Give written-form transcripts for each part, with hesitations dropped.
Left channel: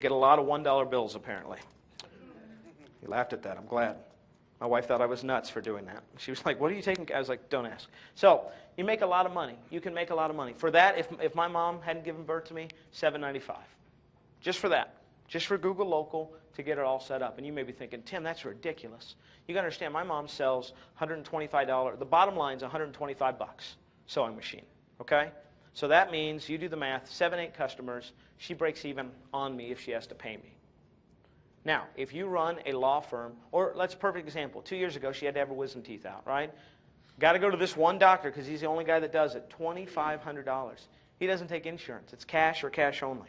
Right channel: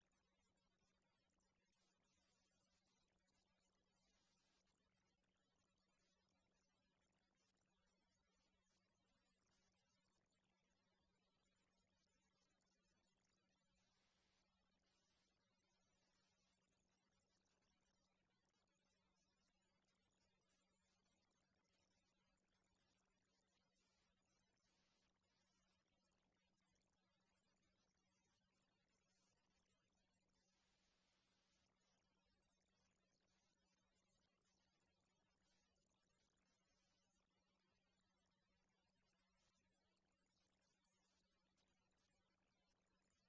Get a lot of $1 bills, apparently. He laughed at that. I'm glad. My wife thought I was nuts for doing that. She was like, what are you taking? I was like, don't ask. So you make a lot of money. You can make a lot of money. For that, if my mom hadn't given birth to me, $7.95. Just for that. Just for Google Local to get it all set up. And you may be thinking, Tim, that's ridiculous. You got to understand, my mom sells $125. The bottom line is $125 sewing machine. Okay? So that means, you do the math, 7, 8 customers, she breaks even on me if she has to pay me. Now, if you run a law firm, or let's perfect example. 2 years ago, she had to have her wisdom teeth out, right? Got to go to this one doctor because he's the only guy that does it. $2,500. He doesn't take insurance. It's cash or cash only.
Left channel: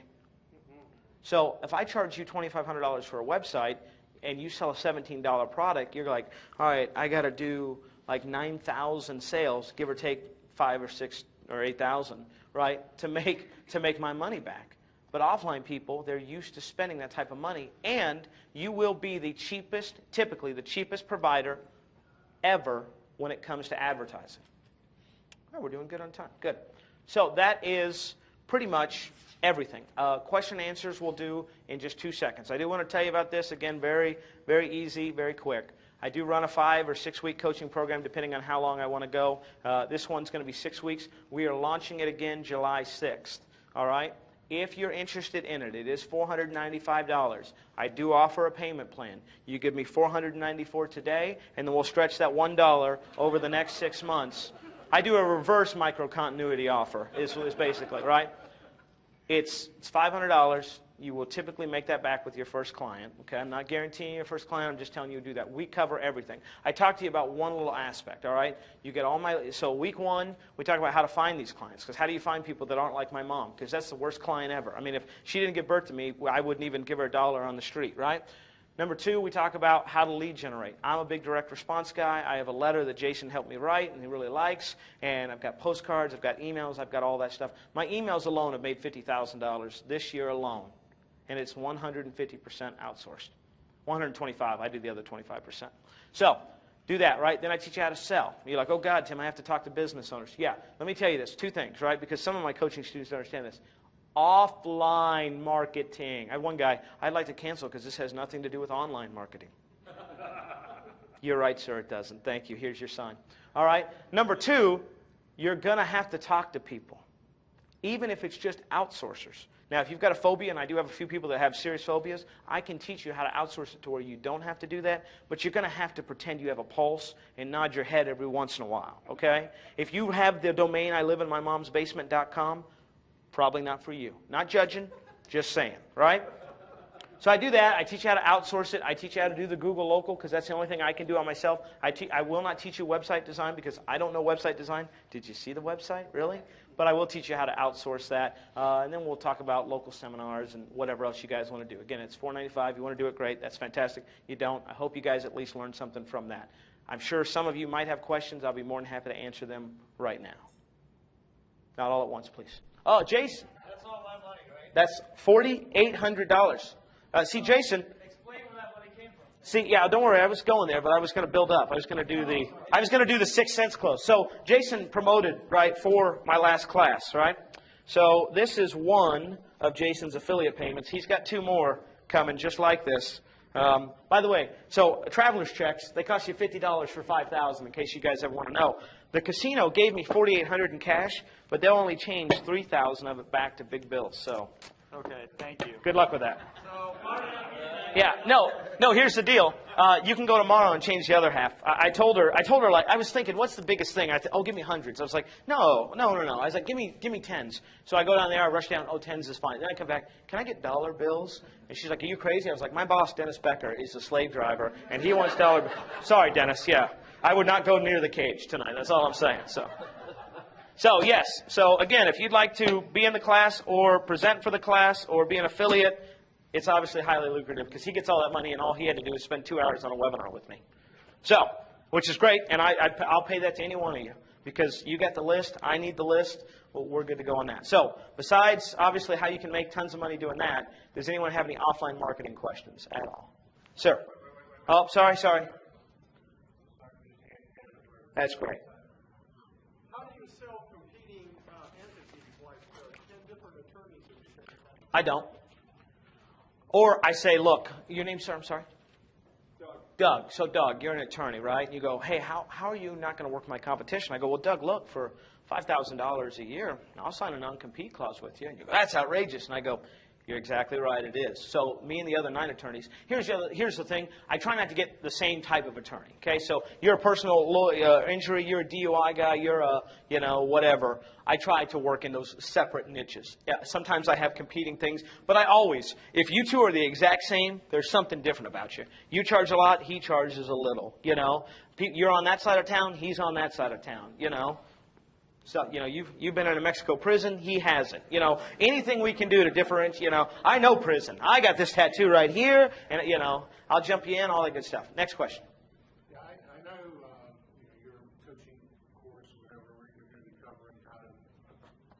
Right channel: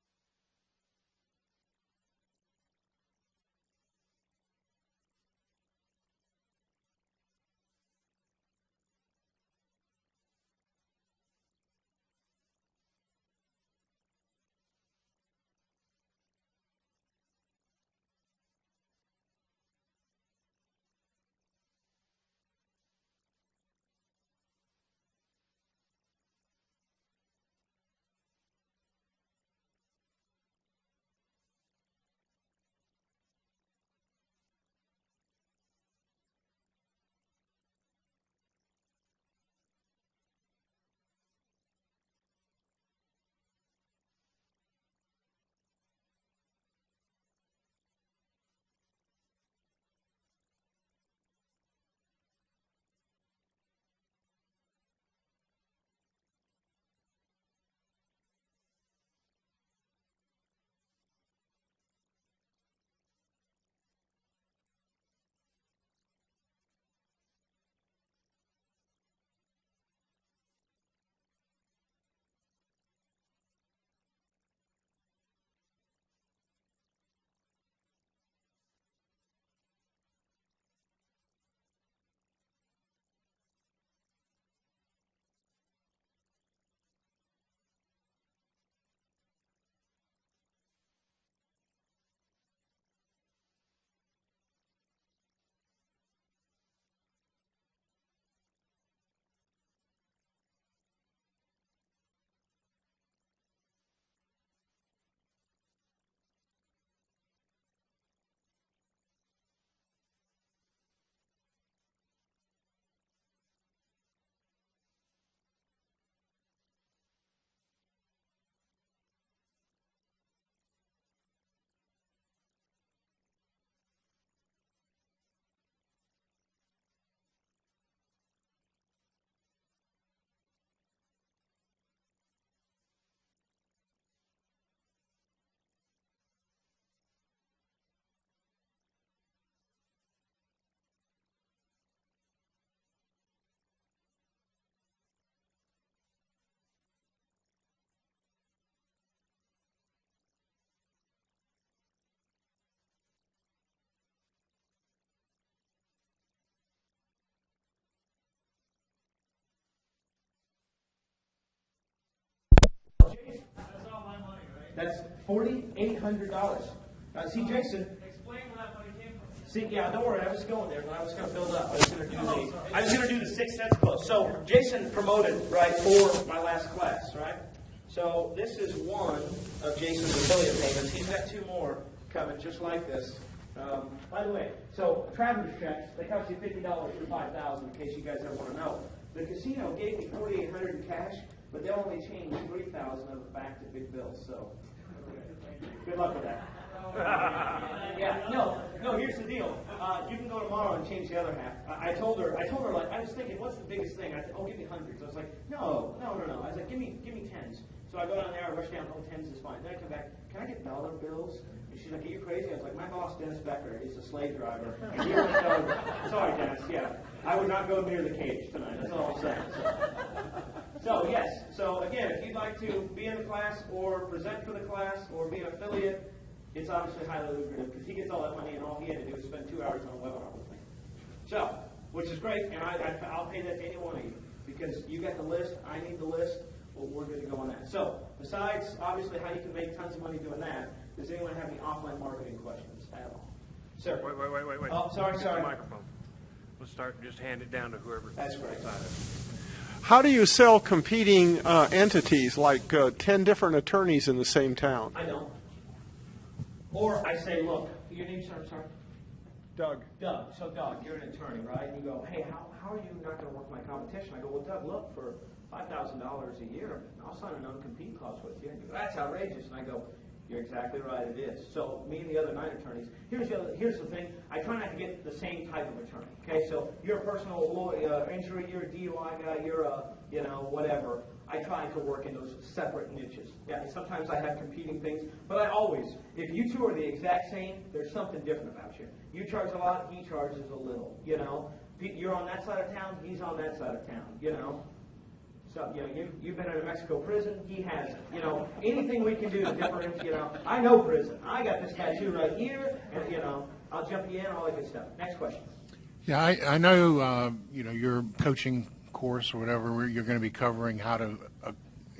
So if I charge you $2,500 for a website and you sell a $17 product, you're like, all right, I got to do like 9,000 sales, give or take 5 or 6 or 8,000, right, to make my money back. But offline people, they're used to spending that type of money, and you will be the cheapest, typically the cheapest provider ever when it comes to advertising. Oh, we're doing good on time. Good. So that is pretty much everything. Question and answers we'll do in just 2 seconds. I do want to tell you about this, again, very, very easy, very quick. I do run a 5 or 6 week coaching program depending on how long I want to go. This one's going to be 6 weeks. We are launching it again July 6th. All right? If you're interested in it, it is $495. I do offer a payment plan. You give me $494 today, and then we'll stretch that $1 over the next 6 months. I do a reverse micro-continuity offer, is basically, right? It's $500. You will typically make that back with your first client. Okay, I'm not guaranteeing your first client. I'm just telling you to do that. We cover everything. I talked to you about one little aspect, all right? You get all my, so week 1, we talk about how to find these clients. Because how do you find people that aren't like my mom? Because that's the worst client ever. I mean, if she didn't give birth to me, I wouldn't even give her a dollar on the street, right? Number 2, we talk about how to lead generate. I'm a big direct response guy. I have a letter that Jason helped me write and he really likes. And I've got postcards, I've got emails, I've got all that stuff. My emails alone have made $50,000 this year alone. And it's 150% outsourced. 125, I do the other 25%. So, do that, right? Then I teach you how to sell. You're like, oh God, Tim, I have to talk to business owners. Yeah, let me tell you this, 2 things, right? Because some of my coaching students don't understand this. Offline marketing. I have one guy, I'd like to cancel because this has nothing to do with online marketing. You're right, sir, it doesn't. Thank you. Here's your sign. All right. Number 2, you're going to have to talk to people, even if it's just outsourcers. Now, if you've got a phobia, and I do have a few people that have serious phobias, I can teach you how to outsource it to where you don't have to do that, but you're going to have to pretend you have a pulse and nod your head every once in a while, okay? If you have the domain iliveInMyMom'sBasement.com, probably not for you. Not judging, just saying, right? So I do that. I teach you how to outsource it. I teach you how to do the Google Local because that's the only thing I can do on myself. I will not teach you website design because I don't know website design. Did you see the website? Really? But I will teach you how to outsource that. And then we'll talk about local seminars and whatever else you guys want to do. Again, it's $495. You want to do it, great. That's fantastic. You don't, I hope you guys at least learn something from that. I'm sure some of you might have questions. I'll be more than happy to answer them right now. Not all at once, please. Oh, Jason. That's all my money, right? That's $4,800. See, Jason. Explain where that money came from. See, yeah, don't worry. I was going there, but I was going to build up. I was going to do the 6 cents close. So Jason promoted, right, for my last class, right? So this is one of Jason's affiliate payments. He's got 2 more coming just like this. By the way, so traveler's checks, they cost you $50 for $5,000 in case you guys ever want to know. The casino gave me $4,800 in cash, but they'll only change $3,000 of it back to big bills. So, Okay, thank you. good luck with that. Yeah, no, here's the deal. You can go tomorrow and change the other half. I told her, like, I was thinking, what's the biggest thing? Oh, give me hundreds. I was like, no. I was like, give me tens. So I go down there, I rush down, oh, tens is fine. Then I come back, can I get dollar bills? And she's like, are you crazy? I was like, my boss, Dennis Becker, is a slave driver, and he wants dollar bills. Sorry, Dennis, yeah. I would not go near the cage tonight. That's all I'm saying. So yes. So again, if you'd like to be in the class or present for the class or be an affiliate, it's obviously highly lucrative because he gets all that money and all he had to do is spend 2 hours on a webinar with me. So, which is great, and I'll pay that to any one of you because you got the list, I need the list, well, we're good to go on that. So, besides obviously how you can make tons of money doing that, does anyone have any offline marketing questions at all? Sir? Wait. Oh, sorry. Microphone. Let's start and just hand it down to whoever. That's great. How do you sell competing entities like 10 different attorneys in the same town? I don't. Or I say, look, your name, sir, I'm sorry? Doug. Doug. So, Doug, you're an attorney, right? And you go, hey, how are you not going to work my competition? I go, well, Doug, look, for $5,000 a year, I'll sign a non-compete clause with you. And you go, that's outrageous. And I go, you're exactly right, it is. So me and the other 9 attorneys, here's the thing. I try not to get the same type of attorney, okay? So you're a personal injury, you're a DUI guy, you're a, whatever. I try to work in those separate niches. Yeah, sometimes I have competing things, but I always, if you two are the exact same, there's something different about you. You charge a lot, he charges a little, You're on that side of town, he's on that side of town, So, you've been in a Mexico prison, he hasn't. Anything we can do to differentiate, I know prison. I got this tattoo right here, and, I'll jump you in, all that good stuff. Next question. Yeah, I know, your coaching course or whatever, where you're going to be covering how to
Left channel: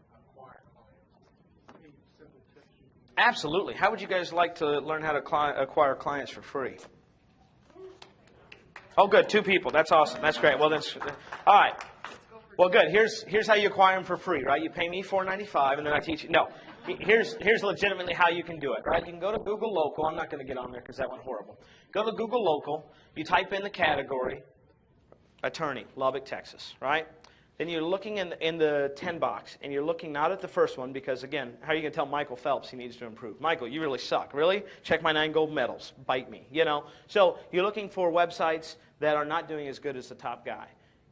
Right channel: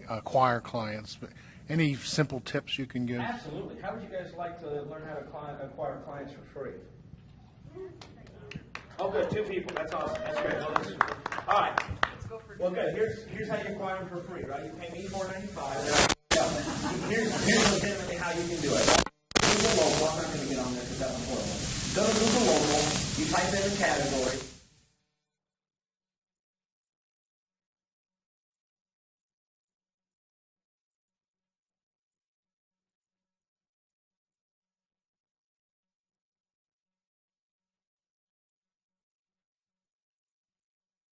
acquire clients. But any simple tips you can give? Absolutely. How would you guys like to learn how to acquire clients for free? Oh, good. 2 people. That's awesome. That's great. Well, that's all right. Well, good. Here's how you acquire them for free, right? You pay me $4.95, and then I teach you. No, here's legitimately how you can do it. You can go to Google Local. I'm not going to get on there because that one's horrible. Go to Google Local. You type in the category, attorney, Lubbock, Texas, right? Then you're looking in the 10 box, and you're looking not at the first one because, again, how are you going to tell Michael Phelps he needs to improve? Michael, you really suck. Really? Check my 9 gold medals. Bite me. So you're looking for websites that are not doing as good as the top guy.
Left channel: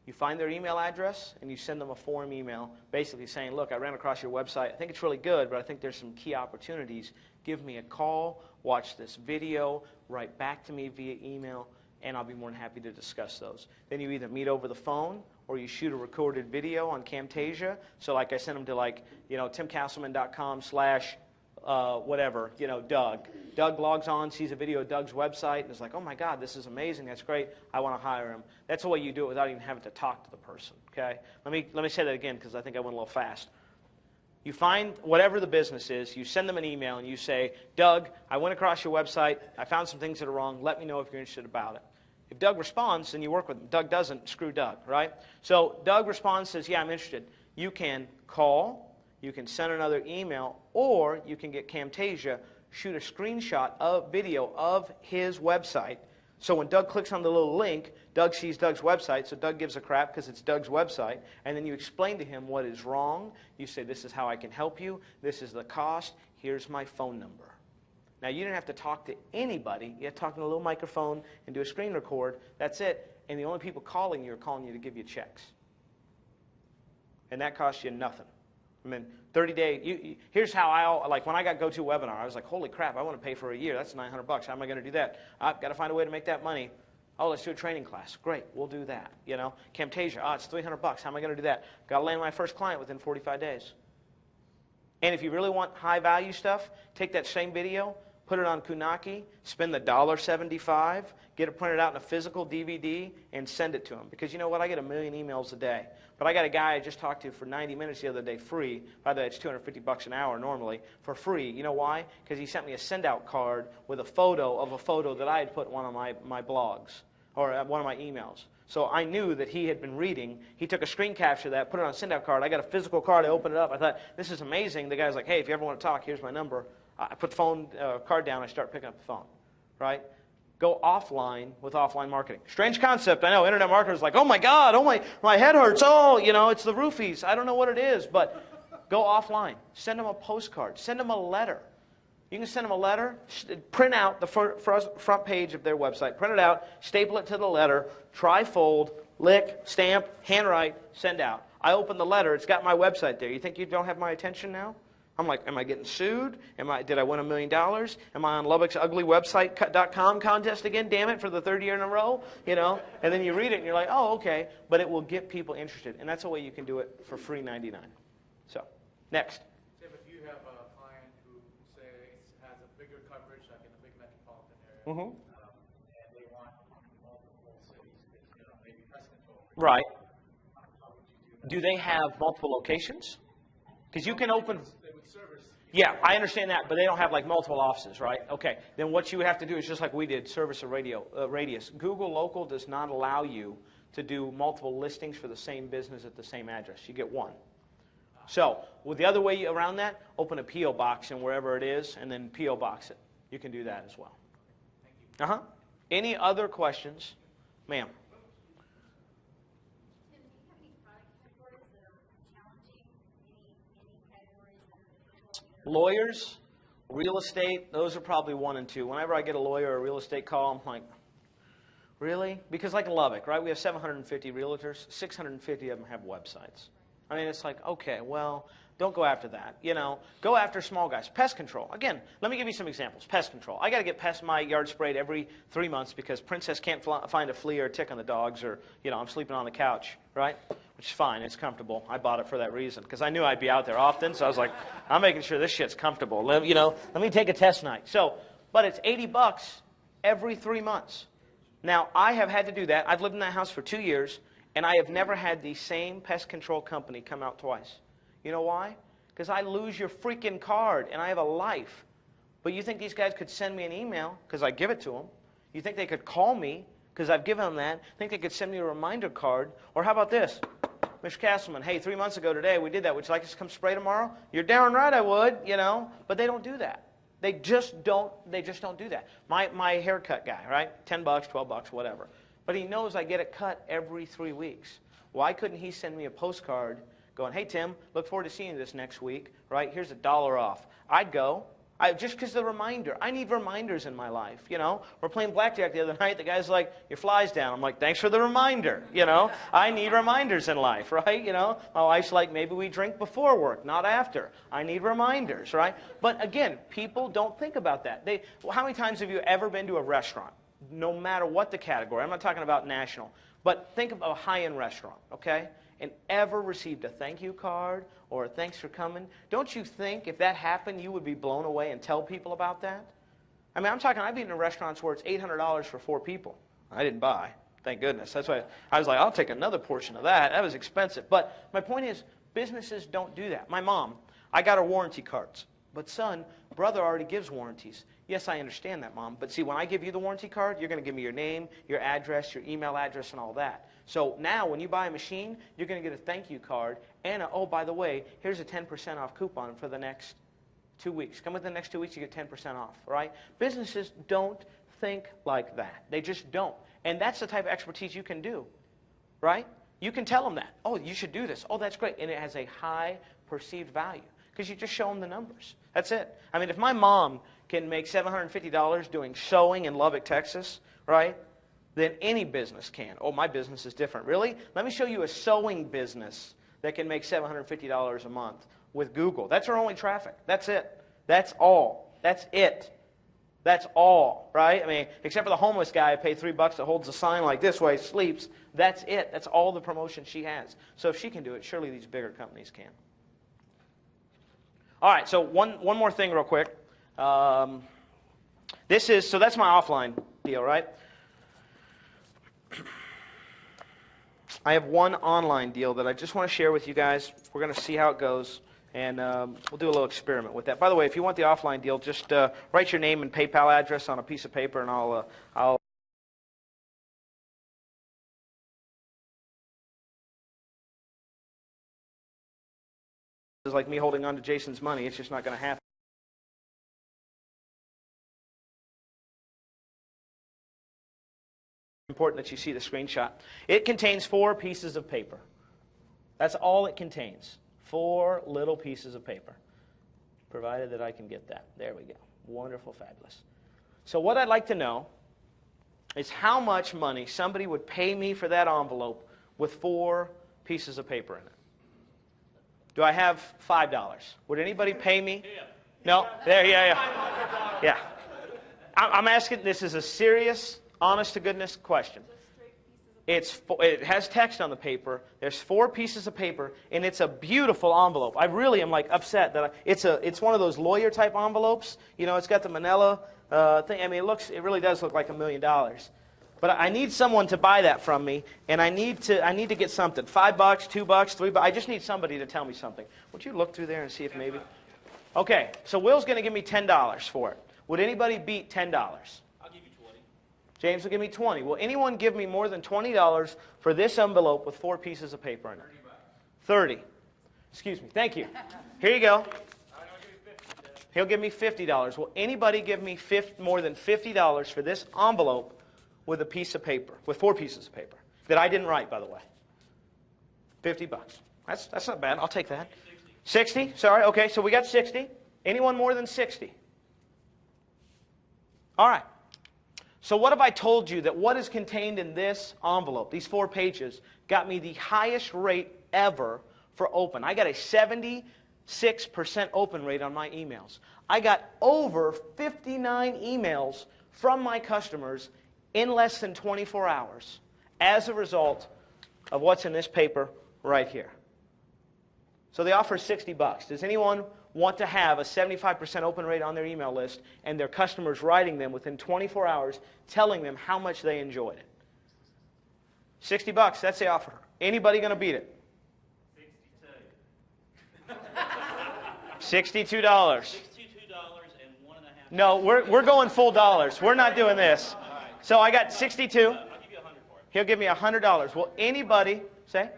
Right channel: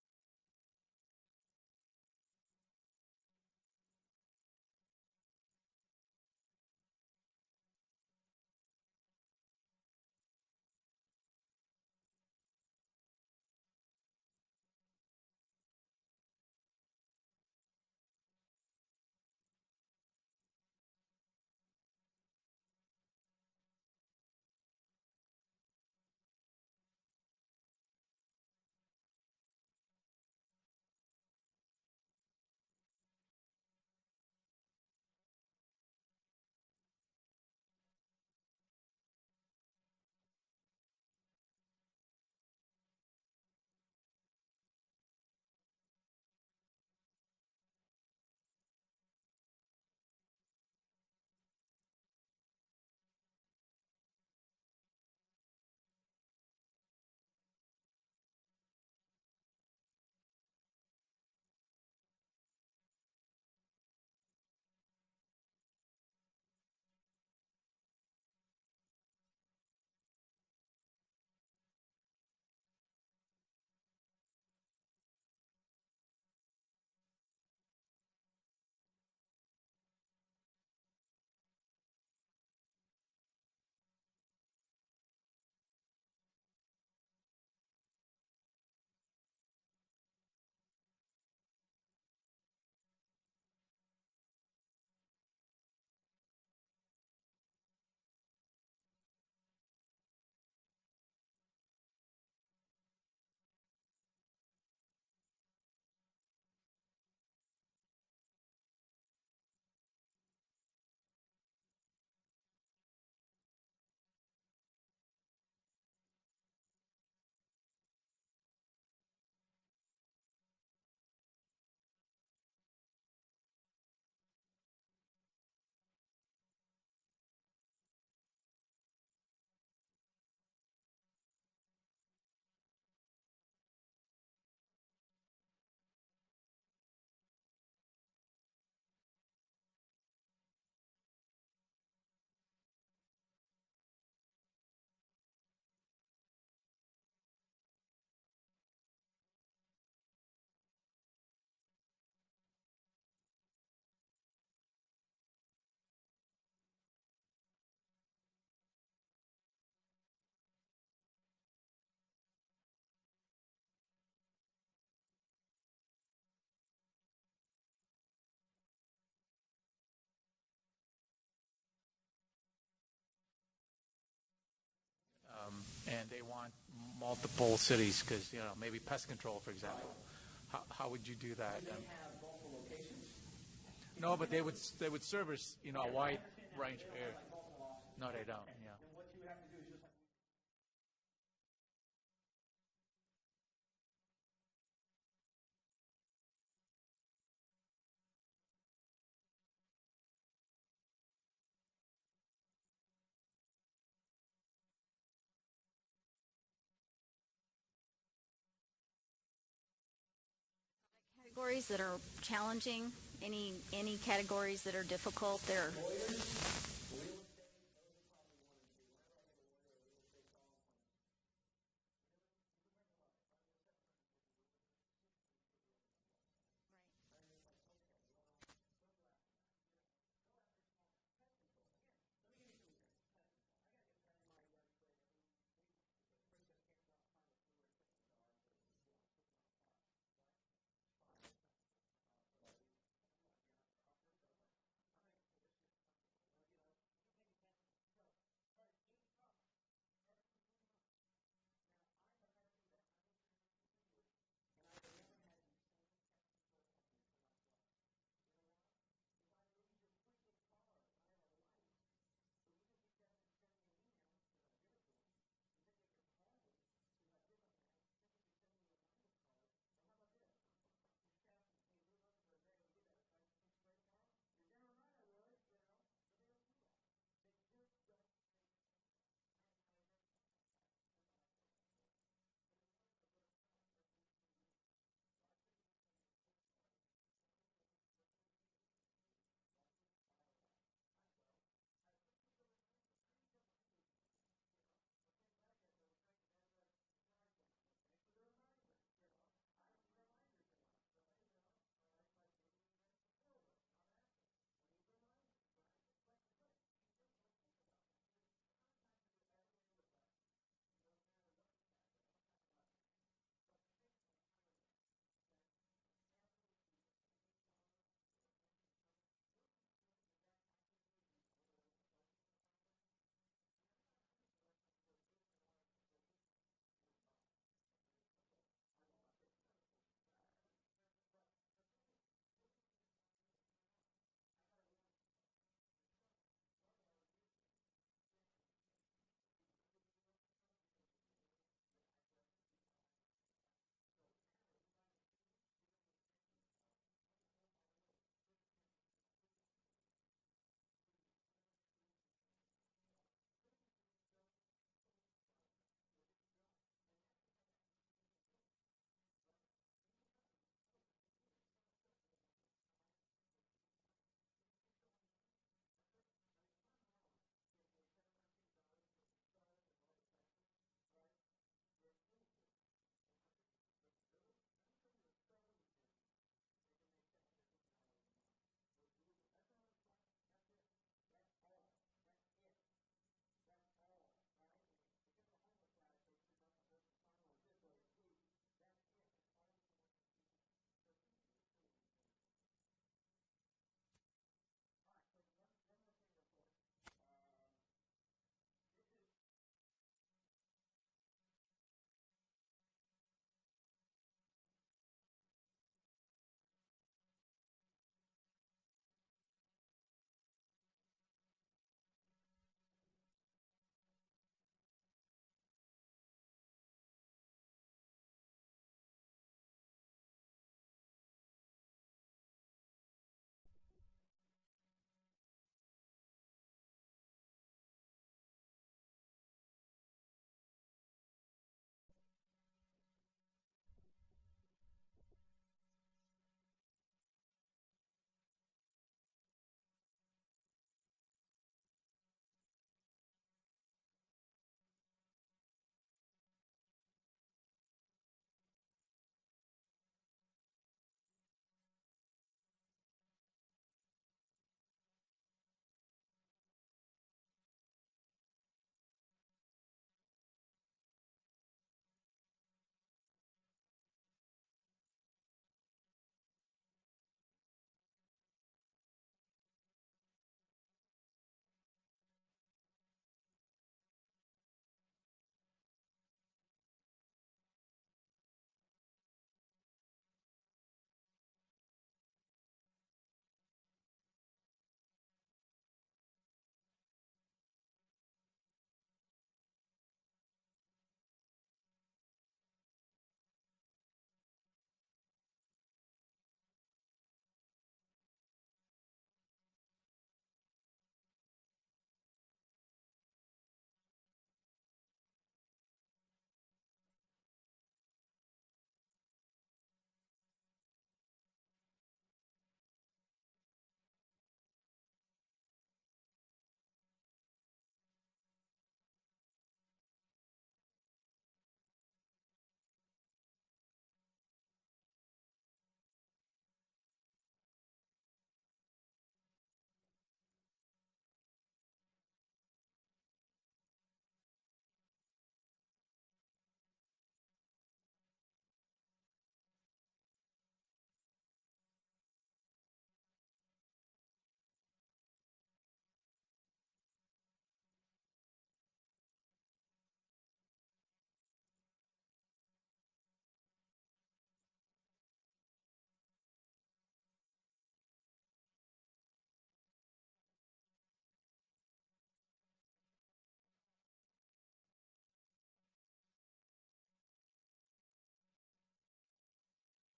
You find their email address, and you send them a form email basically saying, look, I ran across your website. I think it's really good, but I think there's some key opportunities. Give me a call, watch this video, write back to me via email, and I'll be more than happy to discuss those. Then you either meet over the phone or you shoot a recorded video on Camtasia. So like I sent them to timcastleman.com/whatever, Doug. Doug logs on, sees a video of Doug's website, and is like, oh my God, this is amazing, that's great, I want to hire him. That's the way you do it without even having to talk to the person, okay? Let me say that again because I think I went a little fast. You find whatever the business is, you send them an email, and you say, Doug, I went across your website, I found some things that are wrong, let me know if you're interested about it. If Doug responds, then you work with him. Doug doesn't, screw Doug, right? So Doug responds, says, yeah, I'm interested. You can call, you can send another email, or you can get Camtasia, shoot a screenshot of video of his website. So when Doug clicks on the little link, Doug sees Doug's website, so Doug gives a crap because it's Doug's website, and then you explain to him what is wrong. You say, this is how I can help you. This is the cost. Here's my phone number. Now, you didn't have to talk to anybody. You have to talk to a little microphone and do a screen record. That's it. And the only people calling you are calling you to give you checks. And that costs you nothing. 30-day, here's how like when I got GoToWebinar, I was like, holy crap, I want to pay for a year. That's $900. How am I going to do that? I've got to find a way to make that money. Oh, let's do a training class. Great, we'll do that. Camtasia, it's $300. How am I going to do that? Got to land my first client within 45 days. And if you really want high-value stuff, take that same video, put it on Kunaki, spend the $1.75, get it printed out in a physical DVD, and send it to them. Because you know what? I get 1 million emails a day. But I got a guy I just talked to for 90 minutes the other day free. By the way, it's $250 an hour normally for free. You know why? Because he sent me a send-out card with a photo that I had put in one of my blogs or one of my emails. So I knew that he had been reading. He took a screen capture of that, put it on a send-out card. I got a physical card. I opened it up. I thought, this is amazing. The guy's like, hey, if you ever want to talk, here's my number. I put the phone card down. I start picking up the phone, right? Go offline with offline marketing. Strange concept, I know. Internet marketers are like, oh my God, oh my head hurts. Oh, it's the roofies. I don't know what it is, but go offline. Send them a postcard. Send them a letter. You can send them a letter, print out the front page of their website, print it out, staple it to the letter, trifold, lick, stamp, handwrite, send out. I open the letter. It's got my website there. You think you don't have my attention now? I'm like, am I getting sued? Did I win $1 million? Am I on Lubbock's uglywebsite.com contest again? Damn it, for the 3rd year in a row, And then you read it and you're like, oh, okay. But it will get people interested, and that's a way you can do it for free $99. So, next. If you have a client who, say, has a bigger coverage, like in a big metropolitan area, and they want multiple cities, because maybe pest control, for example. Right. How would you do that? Do they have multiple locations? Because you can open. They would service. Yeah, I understand that, but they don't have like multiple offices, right? Okay. Then what you would have to do is just like we did, service a radius. Google Local does not allow you to do multiple listings for the same business at the same address. You get one. So, with the other way around that, open a P.O. box and wherever it is, and then P.O. box it. You can do that as well. Uh-huh. Any other questions? Ma'am. Categories that are challenging? Any categories that are difficult? Lawyers, real estate, those are probably 1 and 2. Whenever I get a lawyer or a real estate call, I'm like, really? Because like in Lubbock, right, we have 750 realtors. 650 of them have websites. I mean, it's like, okay, well, don't go after that. You know, go after small guys. Pest control. Again, let me give you some examples. Pest control. I got to get my yard sprayed every 3 months because Princess can't find a flea or a tick on the dogs, or, you know, I'm sleeping on the couch, right? Which is fine. It's comfortable. I bought it for that reason because I knew I'd be out there often. So I was like, I'm making sure this shit's comfortable. Let me take a test night. So, but it's $80 every 3 months. Now, I have had to do that. I've lived in that house for 2 years, and I have never had the same pest control company come out twice. You know why? Because I lose your freaking card, and I have a life. But you think these guys could send me an email because I give it to them? You think they could call me because I've given them that? Think they could send me a reminder card? Or how about this? Mr. Castleman, hey, 3 months ago today we did that. Would you like us to come spray tomorrow? You're darn right I would, you know. But they don't do that. They just don't do that. My haircut guy, right? $10, $12, whatever. But he knows I get it cut every 3 weeks. Why couldn't he send me a postcard going, hey, Tim, look forward to seeing you this next week, right? Here's $1 off. I'd go. Just because of the reminder. I need reminders in my life, you know. We're playing blackjack the other night. The guy's like, your fly's down. I'm like, thanks for the reminder, you know. I need reminders in life, right? You know, my wife's like, maybe we drink before work, not after. I need reminders, right? But again, people don't think about that. How many times have you ever been to a restaurant, no matter what the category? I'm not talking about national, but think of a high-end restaurant, okay? And ever received a thank you card or a thanks for coming? Don't you think if that happened, you would be blown away and tell people about that? I mean, I've eaten in restaurants where it's $800 for 4 people. I didn't buy, thank goodness. That's why I was like, I'll take another portion of that. That was expensive. But my point is, businesses don't do that. My mom, I got her warranty cards. But son, brother already gives warranties. Yes, I understand that, Mom. But see, when I give you the warranty card, you're going to give me your name, your address, your email address, and all that. So now when you buy a machine, you're going to get a thank you card. And, oh, by the way, here's a 10% off coupon for the next 2 weeks. Come within the next 2 weeks, you get 10% off, right? Businesses don't think like that. They just don't. And that's the type of expertise you can do, right? You can tell them that. Oh, you should do this. Oh, that's great. And it has a high perceived value because you just show them the numbers. That's it. I mean, if my mom can make $750 doing sewing in Lubbock, Texas, right, then any business can. Oh, my business is different. Really? Let me show you a sewing business that can make $750 a month with Google. That's our only traffic. That's it. That's all. That's it. That's all, right? I mean, except for the homeless guy I pay $3 that holds a sign like this while he sleeps. That's it. That's all the promotion she has. So if she can do it, surely these bigger companies can. All right, so one more thing real quick. So that's my offline deal, right? I have one online deal that I just want to share with you guys. We're going to see how it goes, and we'll do a little experiment with that. By the way, if you want the offline deal, just write your name and PayPal address on a piece of paper, and I'll It's like me holding on to Jason's money. It's just not going to happen. Important that you see the screenshot. It contains 4 pieces of paper. That's all it contains. 4 little pieces of paper. Provided that I can get that. There we go. Wonderful, fabulous. So what I'd like to know is how much money somebody would pay me for that envelope with 4 pieces of paper in it. Do I have $5? Would anybody pay me? No? There, yeah. Yeah. I'm asking, this is a serious, honest-to-goodness question. It has text on the paper. There's 4 pieces of paper, and it's a beautiful envelope. I really am like upset that it's one of those lawyer-type envelopes. You know, it's got the manila thing. I mean, it really does look like $1 million. But I need someone to buy that from me, and I need to get something. $5, $2, $3. I just need somebody to tell me something. Would you look through there and see if maybe? Okay, so Will's going to give me $10 for it. Would anybody beat $10? I'll give you 20. James will give me 20. Will anyone give me more than $20 for this envelope with 4 pieces of paper in it? 30. Excuse me. Thank you. Here you go. He'll give me $50. Will anybody give me more than $50 for this envelope with a piece of paper, with 4 pieces of paper that I didn't write, by the way? $50. That's not bad. I'll take that. 60? Sorry. Okay, so we got 60. Anyone more than 60? All right. So what have I told you that what is contained in this envelope, these 4 pages, got me the highest rate ever for open? I got a 76% open rate on my emails. I got over 59 emails from my customers in less than 24 hours as a result of what's in this paper right here. So they offer $60. Does anyone want to have a 75% open rate on their email list and their customers writing them within 24 hours telling them how much they enjoyed it? $60, that's the offer. Anybody going to beat it? $62. $62 and 1.5. No, we're going full dollars. We're not doing this. So I got 62. I'll give you 100 for it. He'll give me $100. Will anybody say?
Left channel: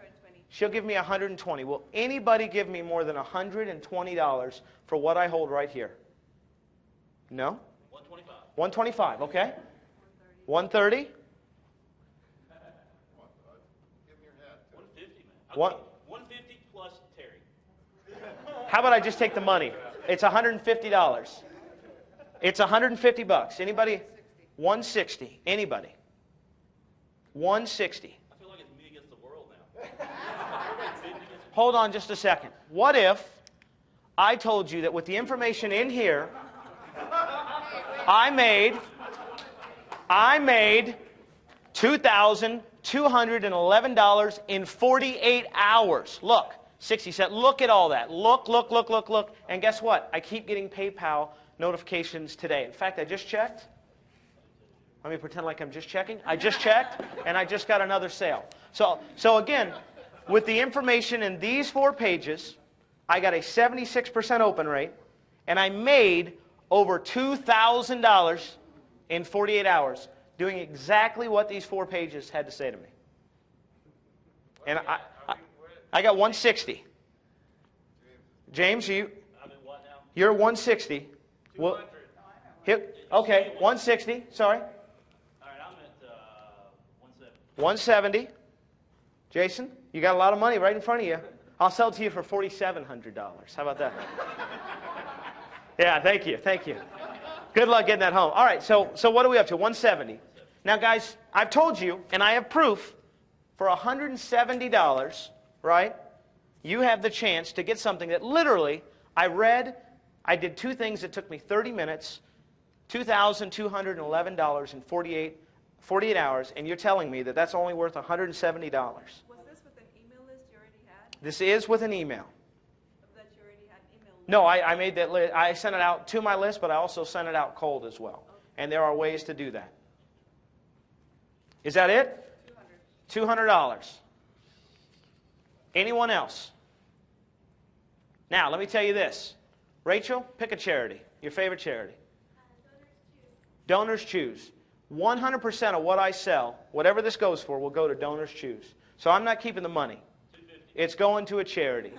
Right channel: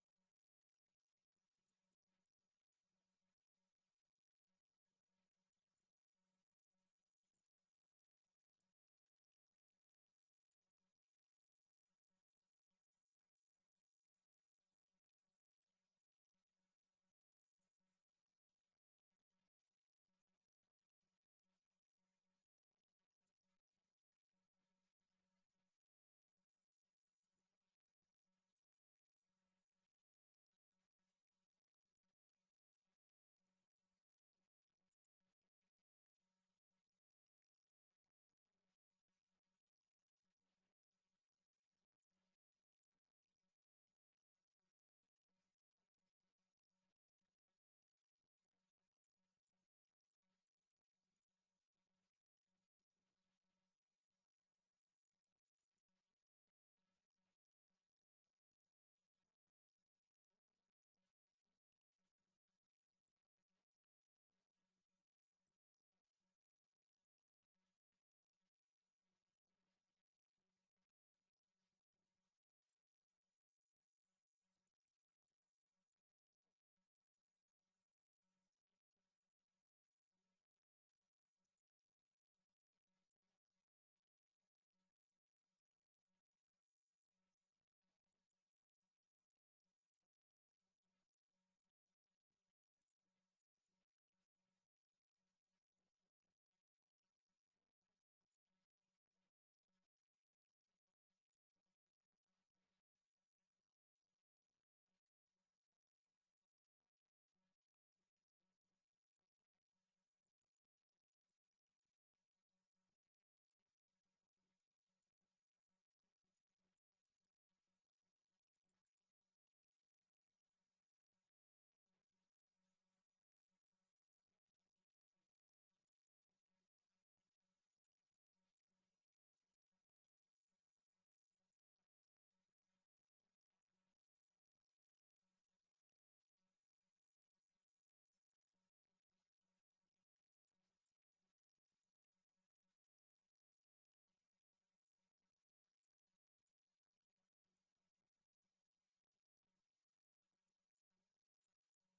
She'll give me 120. Will anybody give me more than $120 for what I hold right here? No? 125. 125, okay. 130? 150, man. 150 plus Terry. How about I just take the money? It's $150. It's $150. Anybody? 160. Anybody? 160. I feel like it's me against the world now. Hold on just a second. What if I told you that with the information in here, I made $2,211 in 48 hours. Look, 60 cents. Look at all that. Look. And guess what? I keep getting PayPal notifications today. In fact, I just checked. Let me pretend like I'm just checking. I just checked, and I just got another sale. So again, with the information in these 4 pages, I got a 76% open rate, and I made over $2,000 in 48 hours doing exactly what these 4 pages had to say to me. And I got 160. James, I'm in what now? you're 160. Well, okay, 160. Sorry. All right, I'm at 170. 170. Jason, you got a lot of money right in front of you. I'll sell it to you for $4,700. How about that? Yeah, thank you. Good luck getting that home. All right, so what are we up to? 170. Now, guys, I've told you, and I have proof, for $170, right, you have the chance to get something that literally I did 2 things that took me 30 minutes, $2,211 in 48 hours, and you're telling me that that's only worth $170. Was this with an email list you already had? This is with an email. That you already had email list? No, I made that list. I sent it out to my list, but I also sent it out cold as well. And there are ways to do that. Is that it? $200. Anyone else? Now, let me tell you this. Rachel, pick a charity, your favorite charity. Donors Choose. 100% of what I sell, whatever this goes for, will go to Donors Choose. So I'm not keeping the money. It's going to a charity.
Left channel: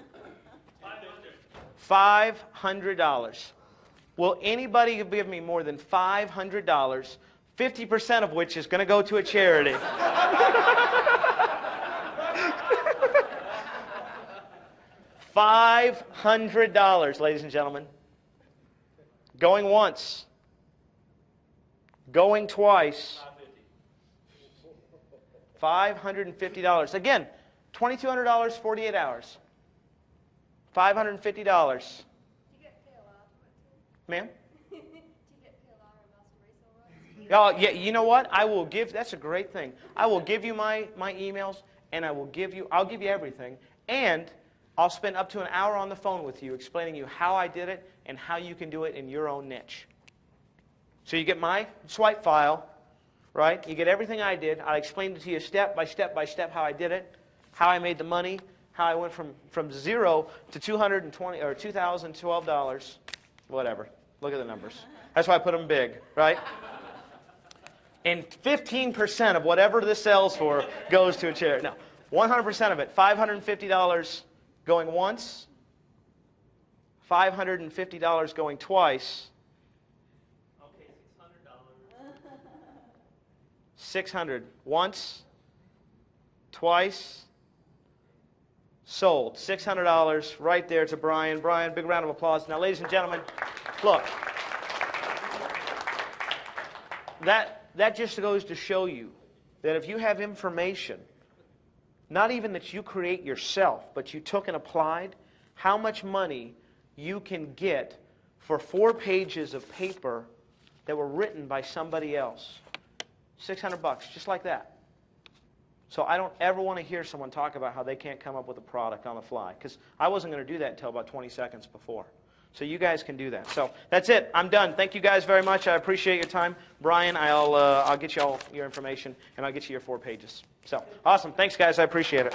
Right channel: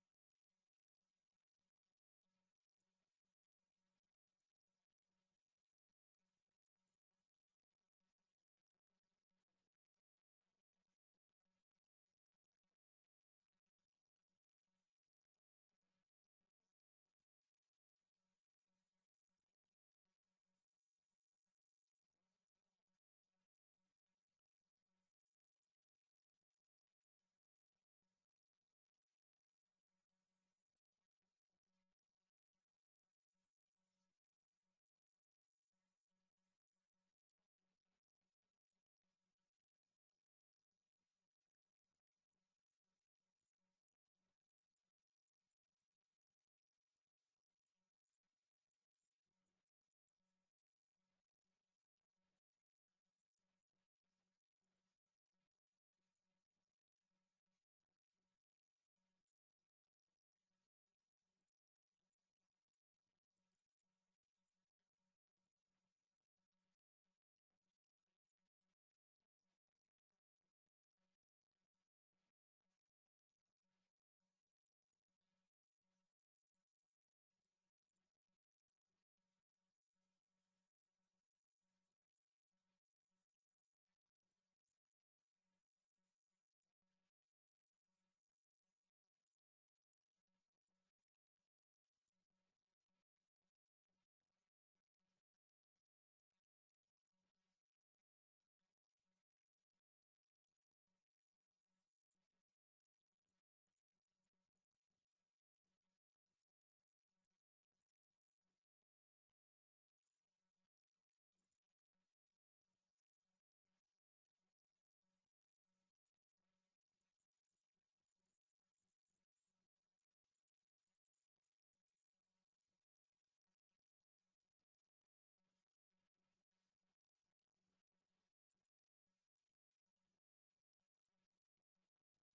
$500. Will anybody give me more than $500, 50% of which is going to go to a charity? $500, ladies and gentlemen. Going once. Going twice. $550. Again, $2,200, 48 hours. $550. Ma'am? Oh, yeah, you know what? I will give, that's a great thing. I will give you my emails, and I'll give you everything. And I'll spend up to an hour on the phone with you explaining you how I did it and how you can do it in your own niche. So you get my swipe file, right? You get everything I did. I explained it to you step by step how I did it, how I made the money, how I went from 0 to $220 or $2,012, whatever. Look at the numbers. That's why I put them big, right? And 15% of whatever this sells for goes to a charity. No, 100% of it. $550 going once, $550 going twice. Okay, $600 $600. once, twice, sold. $600 right there to Brian. Brian, big round of applause. Now, ladies and gentlemen, look. That just goes to show you that if you have information, not even that you create yourself, but you took and applied, how much money you can get for 4 pages of paper that were written by somebody else. $600, just like that. So I don't ever want to hear someone talk about how they can't come up with a product on the fly, because I wasn't going to do that until about 20 seconds before. So you guys can do that. So that's it. I'm done. Thank you guys very much. I appreciate your time. Brian, I'll get you all your information, and I'll get you your 4 pages. So awesome. Thanks, guys. I appreciate it.